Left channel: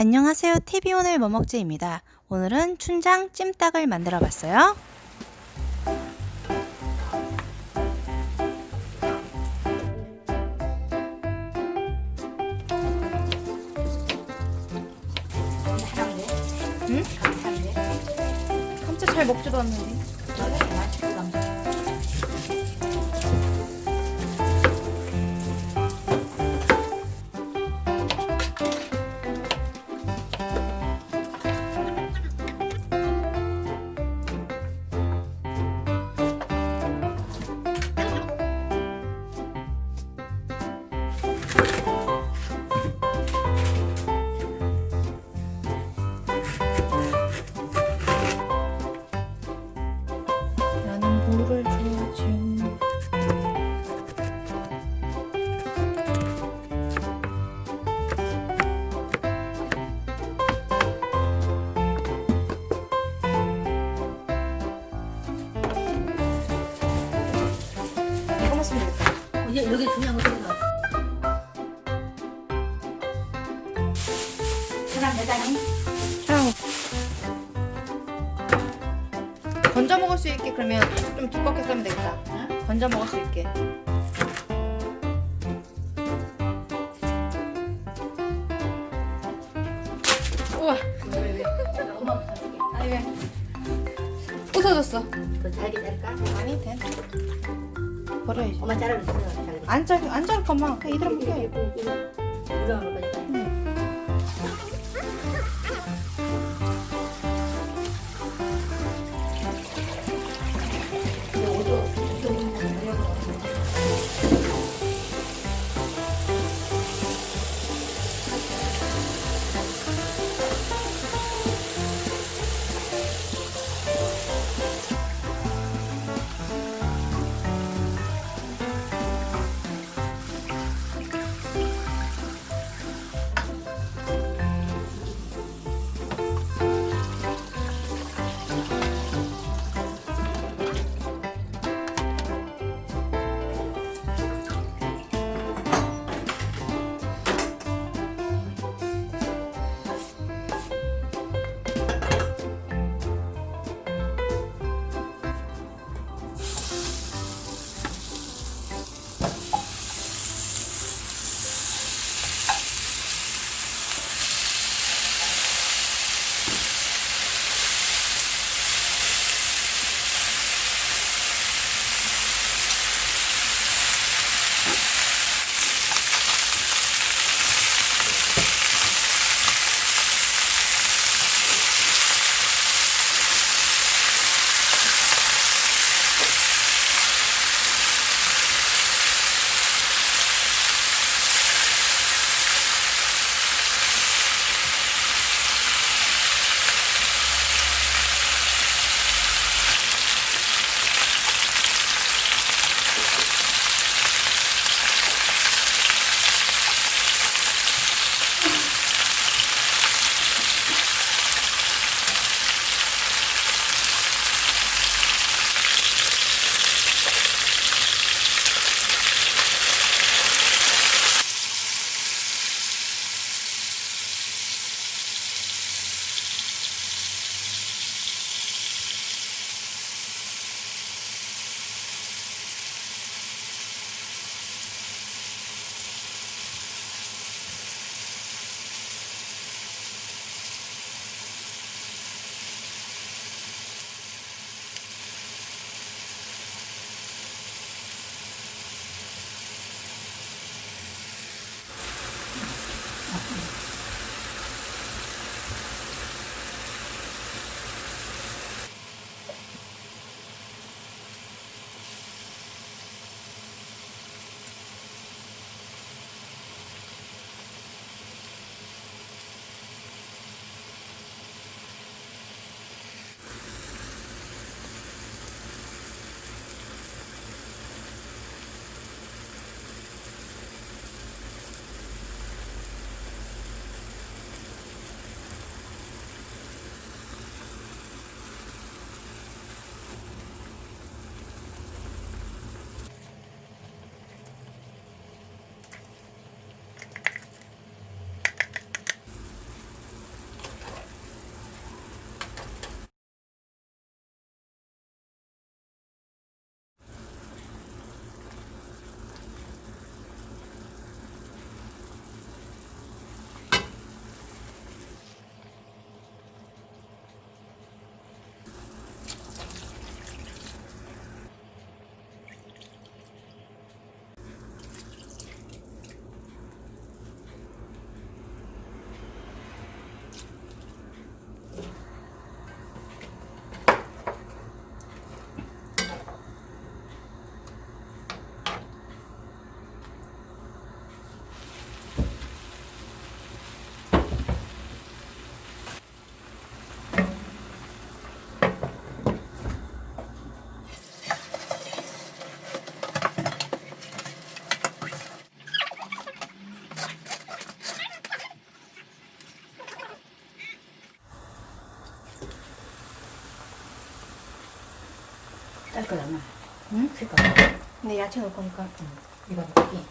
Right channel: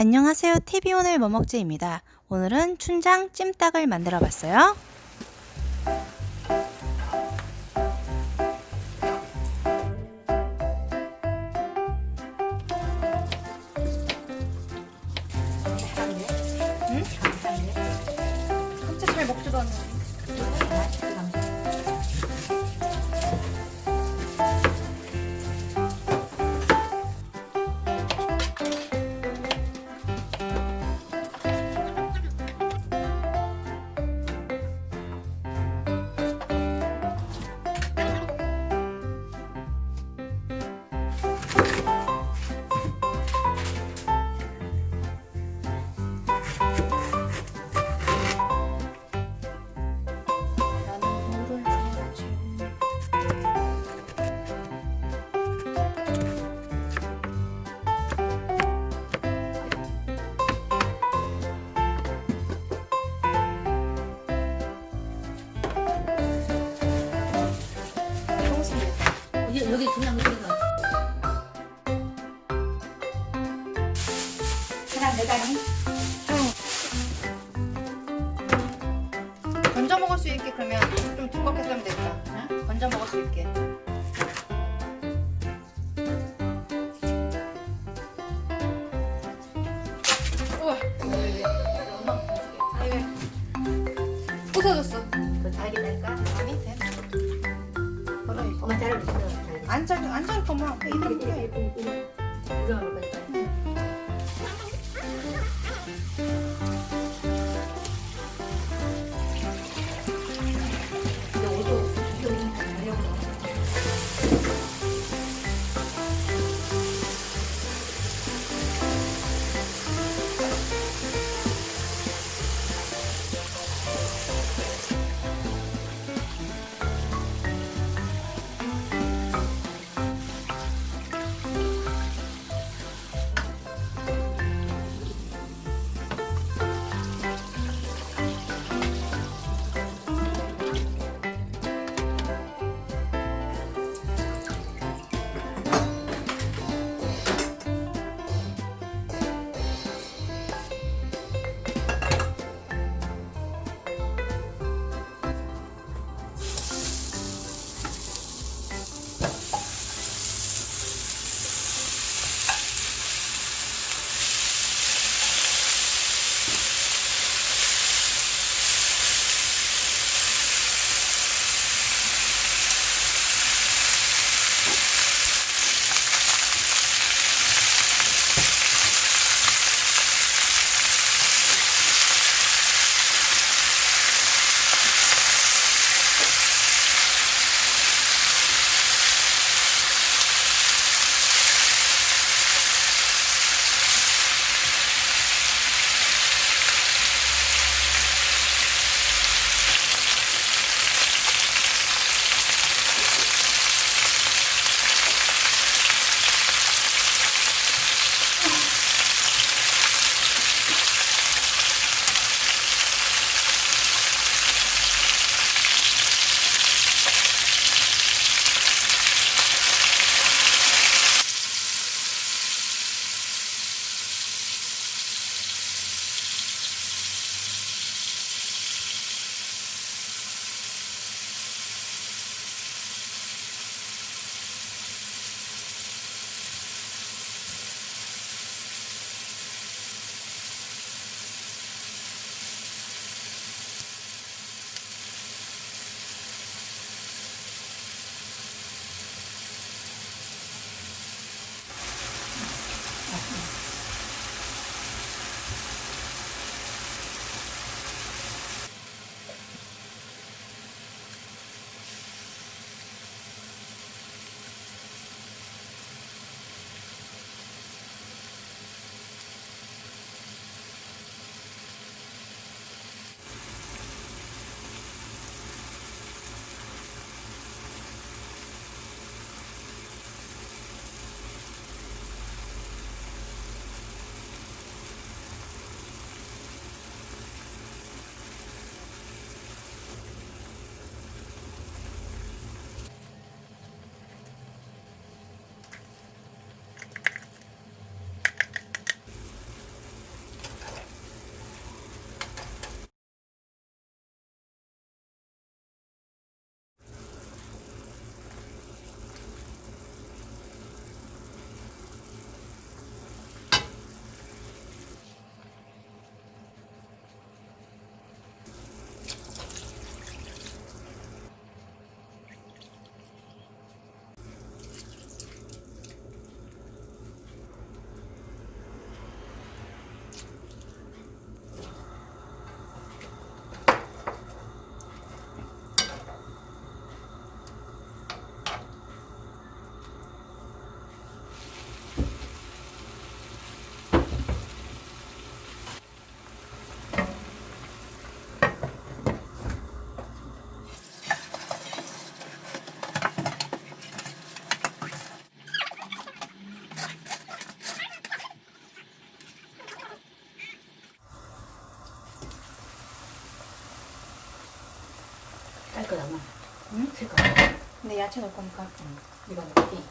안녕하세요. TV 오늘 뭐 먹지입니다. 오늘은 춘장 찜닭을 만들어 봤어요. 응? 감자 잘 먹지도 않는데. 여기 중요한 거 들어가. 그냥 형 건져 먹을 수 있게 그러면 좀 두껍게 썰면 되겠다. 응? 건져 먹을 수 있게. 우와. 아니 왜? 부서졌어. 그 잘게 될까? 아니 돼. 버려야지. 엄마 잘게. 안 자르 안 자를 것만 이대로 먹을 깔 거잖아. 응? 색깔. 근데 야채 넣을 거니까. 이거 먹기.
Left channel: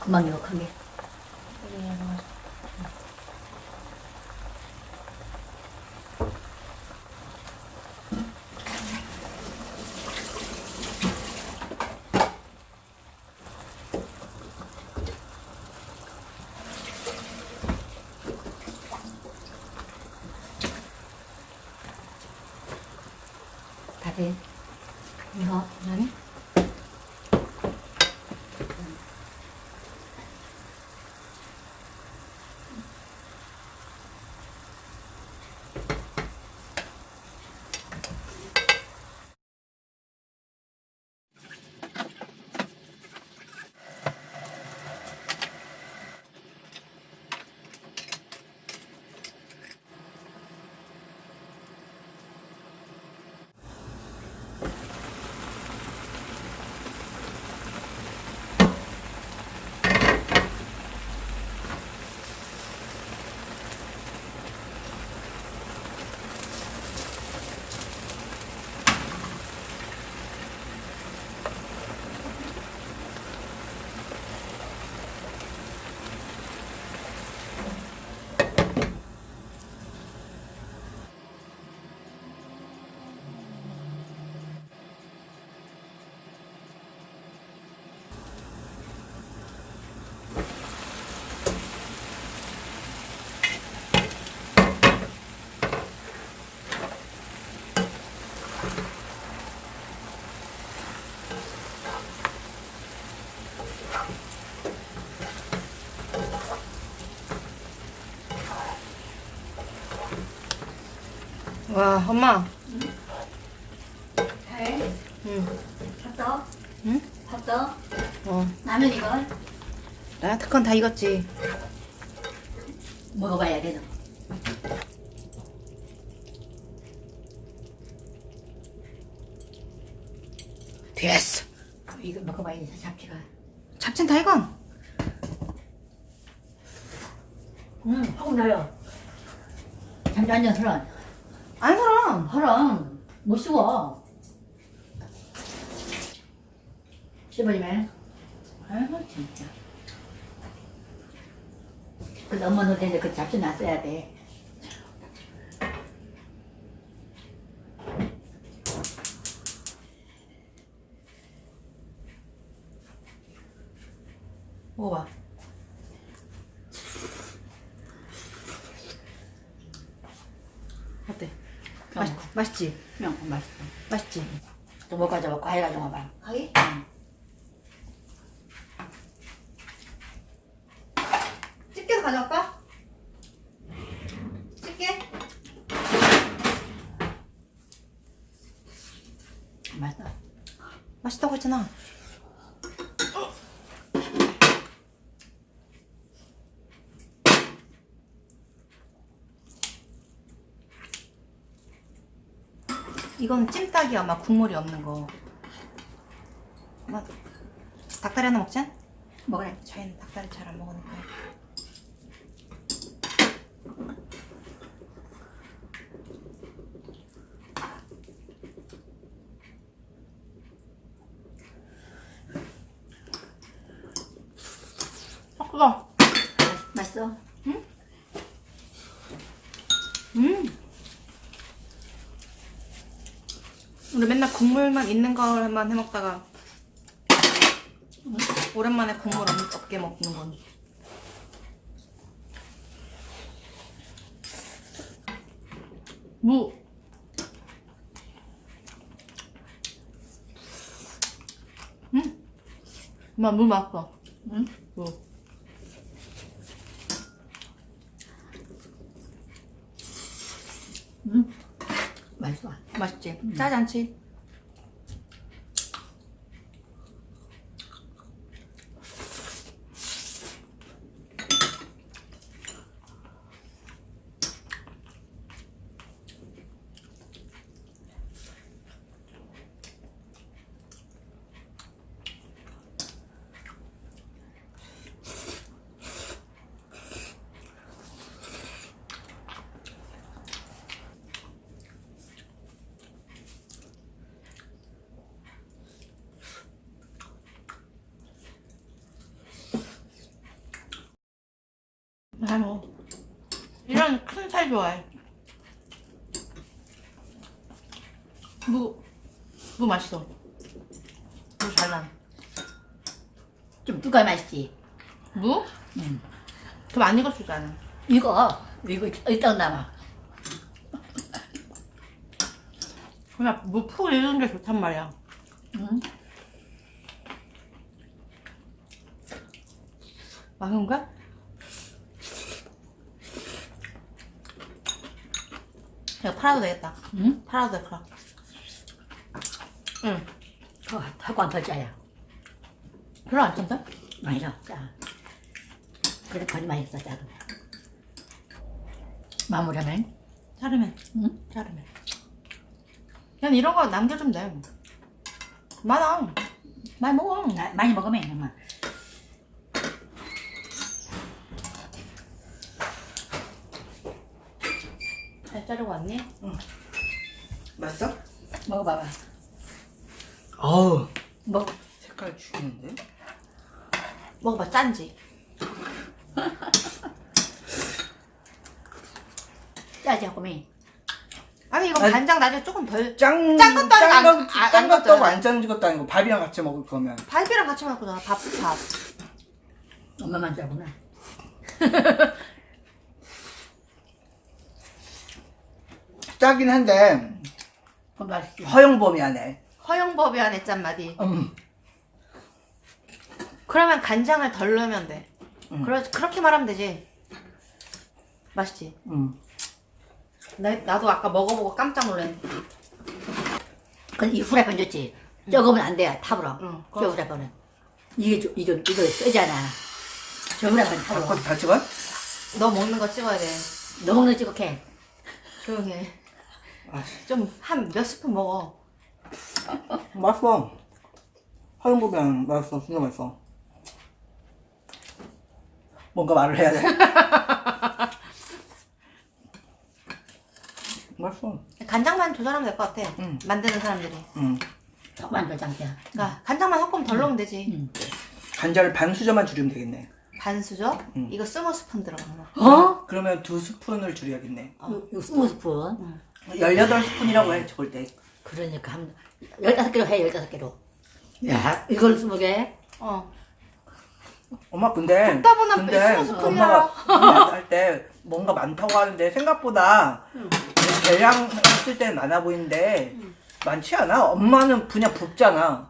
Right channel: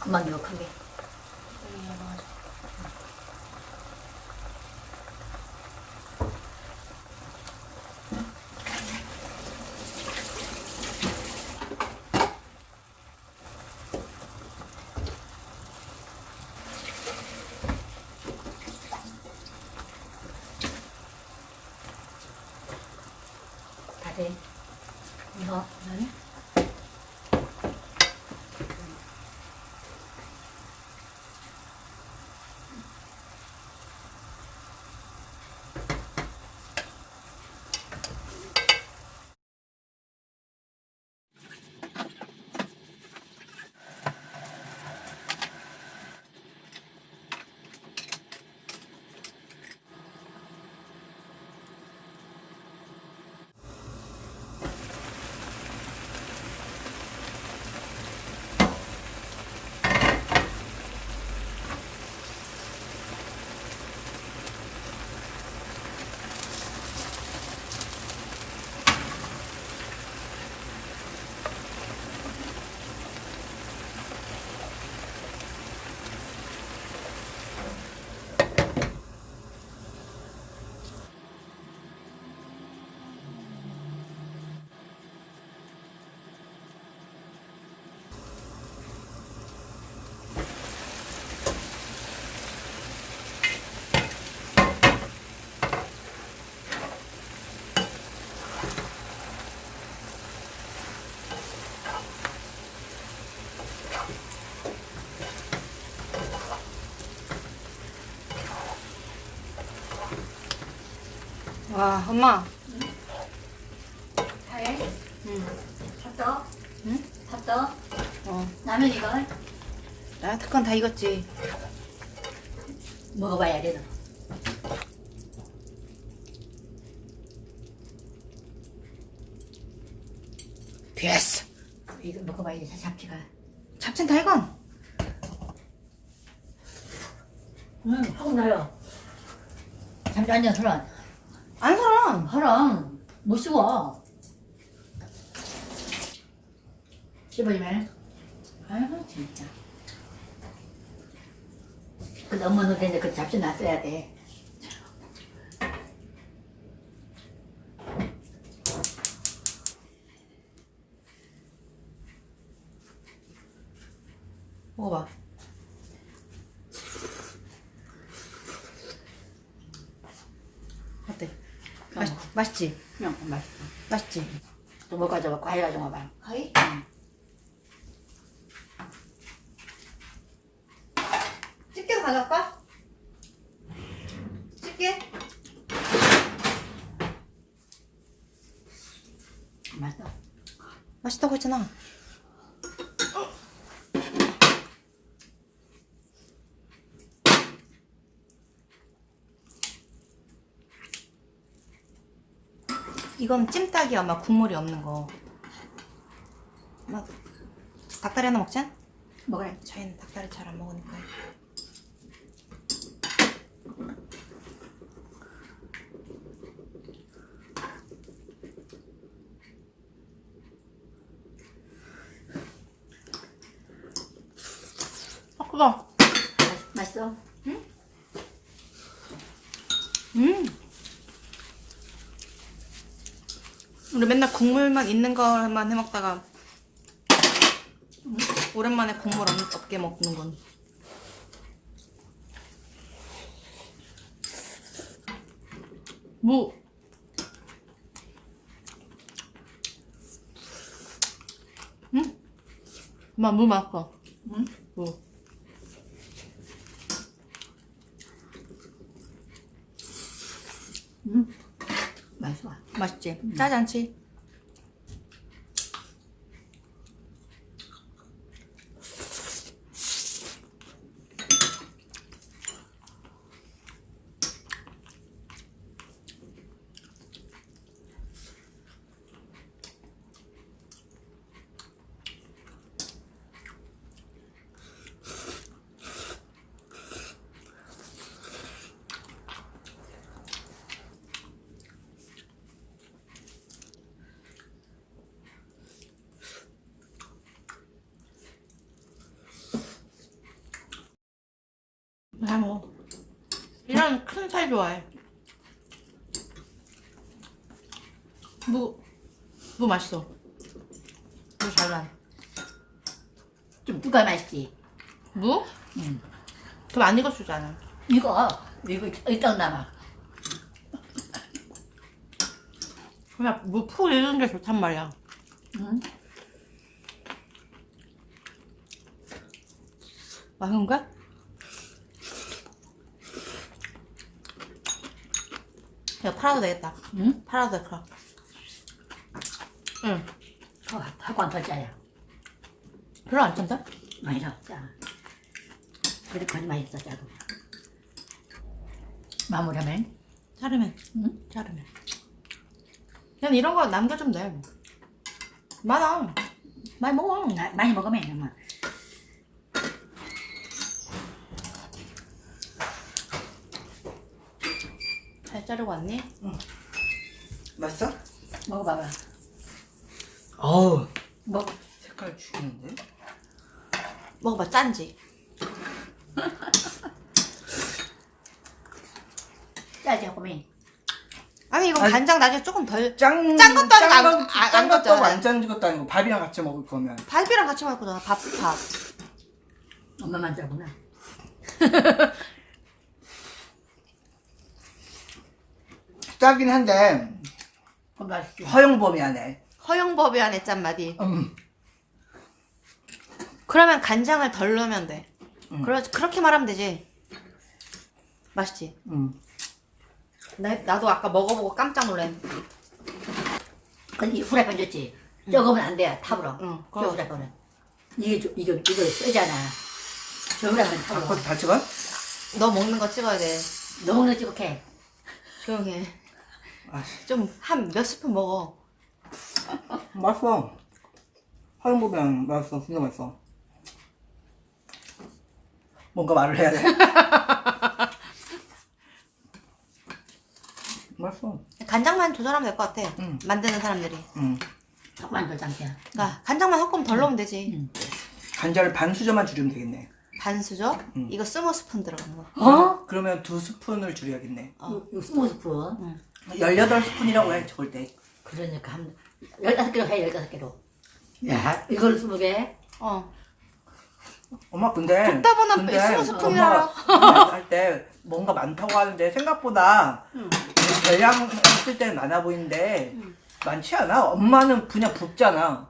금방 이거 큰 게. 여기 넣어서. 다 돼. 이거 아니? 와, 엄마. 해. 응. 샀어? 응? 샀어? 어. 라면 이걸 나 특건 다 익었지. 먹어봐야 돼. 너. 됐어. 이거 먹어봐야 돼. 잡채가. 잡채는 다 익은. 응, 하고 나요. 잠시만요, 그럼. 안 살아. 그럼 못 씹어. 씹어지 말. 아이고 진짜. 근데 엄마 너한테 그 잡채 놨어야 돼. 먹어봐. 어때? 어. 맛, 맛있지? 그냥 맛있어. 맛있지? 또 먹어 줘 과일 가져가 봐. 가위? 집게도 가져갈까? 집게? 맛있어. 맛있다고 했잖아. 이건 찜닭이 아마 국물이 없는 거. 나 닭다리 하나 먹자. 먹으래. 저희는 닭다리 잘 안 먹으니까. 아, 그거. 맛있어. 음. 우리 맨날 국물만 있는 거만 해 먹다가 오랜만에 국물 없- 없게 먹는 건. 무. 음. 엄마 무 맛있어. 응? 무. 응. 맛있어. 맛있지? 짜지 않지? 잘 먹어. 이런 큰 살 좋아해. 무, 무 맛있어. 무 잘난. 좀 누가 맛있지? 무? 응. 더안 익었잖아. 이거 이거 이따 남아. 그냥 무푹 익은 게 좋단 말이야. 응? 맛있는 거야? 이거 팔아도 되겠다. 응? 팔아도 돼, 그럼. 응. 어, 하고 더 짜요. 별로 안 짠다? 아니야, 짜. 그래 거리 맛있어 짜도. 마무리하면 자르면. 응? 자르면. 그냥 이런 거 남겨주면 돼. 뭐. 많아. 많이 먹어. 나- 많이 먹으면 엄마. 자르고 왔니? 맛있어? 먹어봐봐. 어우 먹. 색깔 죽이는데? 먹어봐, 짠지. 짜지 하고면 아니, 이거 아니, 간장 나중에 조금 덜. 짠, 짠 것도 아니고 짠 안- 것- 아, 짠안 것도 걷잖아. 안 짠 것도 아니고 밥이랑 같이 먹을 거면 밥이랑 같이 먹고 나 밥, 밥. 엄마만 짜구나. 짜긴 한데 그 맛있지. 허용범위 안에 허용법이 안에 짠맛이. 음. 그러면 간장을 덜 넣으면 돼. 음. 그래, 그렇게 말하면 되지. 맛있지? 음. 나, 나도 아까 먹어보고 깜짝 놀랐네. 근데 이 후라이팬 좋지. 적으면 안 돼. 탑으로. 응. 저 후라이팬은. 이게 좀- 이거 이거 쓰잖아. 저 후라이팬 탑으로. 바꿔 다 찍어? 너 먹는 거 찍어야 돼. 너무 찌국해. 조용해. 아, 좀한 몇 스푼 먹어. 맛있어 안에 맛있어 진짜 맛있어 뭔가 말을 해야 돼 맛있어 간장만 조절하면 될 것 같아. 응. 만드는 사람들이. 음. 턱만 더 담겨. 그러니까 간장만 조금 덜 넣으면 되지. 응. 간장을 반 수저만 줄이면 되겠네 반 수저? 응. 이거 스무 스푼 들어가는 거. 어? 그러면 두 스푼을 줄여야겠네 요, 요 스무 스푼. 18스푼이라고 해 적을 때 그러니까 한 열다섯 개로 해 열다섯 개로. 야 이걸 스무 개. 어. 엄마 근데 듣다 근데 스푼이라. 엄마가 할 때 뭔가 많다고 하는데 생각보다 계량 했을 때는 많아 보이는데 많지 않아? 엄마는 그냥 붓잖아.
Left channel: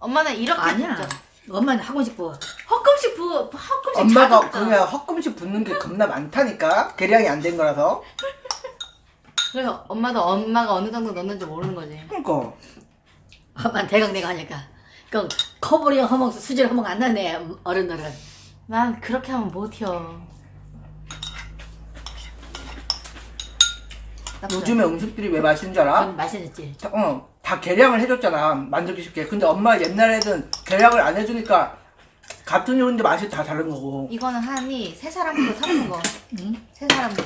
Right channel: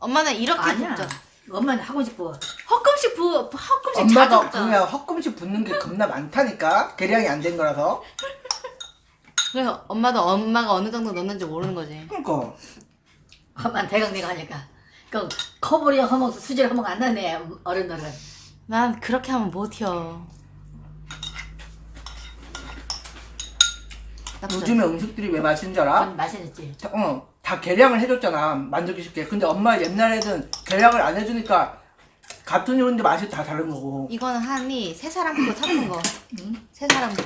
엄마는 이렇게 아니야. 붓죠. 엄마는 하고 싶어. 헛금씩 부, 헛금씩 엄마가 자주 붓잖아. 그냥 헛금씩 붓는 게 겁나 많다니까 계량이 안 된 거라서. 그래서 엄마도 엄마가 어느 정도 넣는지 모르는 거지. 그러니까 엄마는 대강대강 하니까. 그 커버리 허먹 수질 허먹 안 나네 어른들은. 난 그렇게 하면 못해요. 요즘에 음식들이 왜 맛있는 줄 알아? 좀 맛있었지. 다- 어, 다 계량을 해줬잖아 만들기 쉽게. 근데 엄마 옛날에는 계량을 안 해주니까 같은 요리인데 맛이 다 다른 거고. 이거는 한이 세 사람 거 사는 거. 응? 세 사람 거.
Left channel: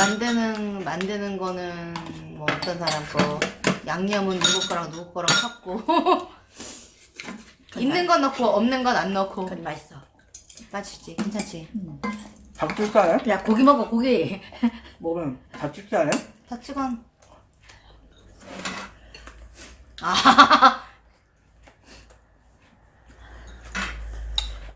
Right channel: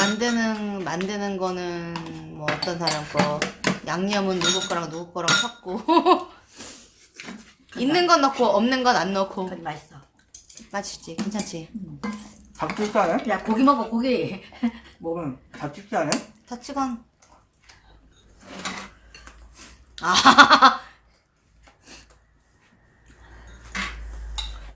만드는 만드는 거는 뭐 어떤 사람 거 양념은 누구 거랑 누구 거랑 섞고 있는 건 넣고 없는 건 안 넣고 그건 맛있어. 맛있지 괜찮지 다 찍지 않아? 야 고기 먹어 고기. 먹으면 다 찍지 않아? 자치간 아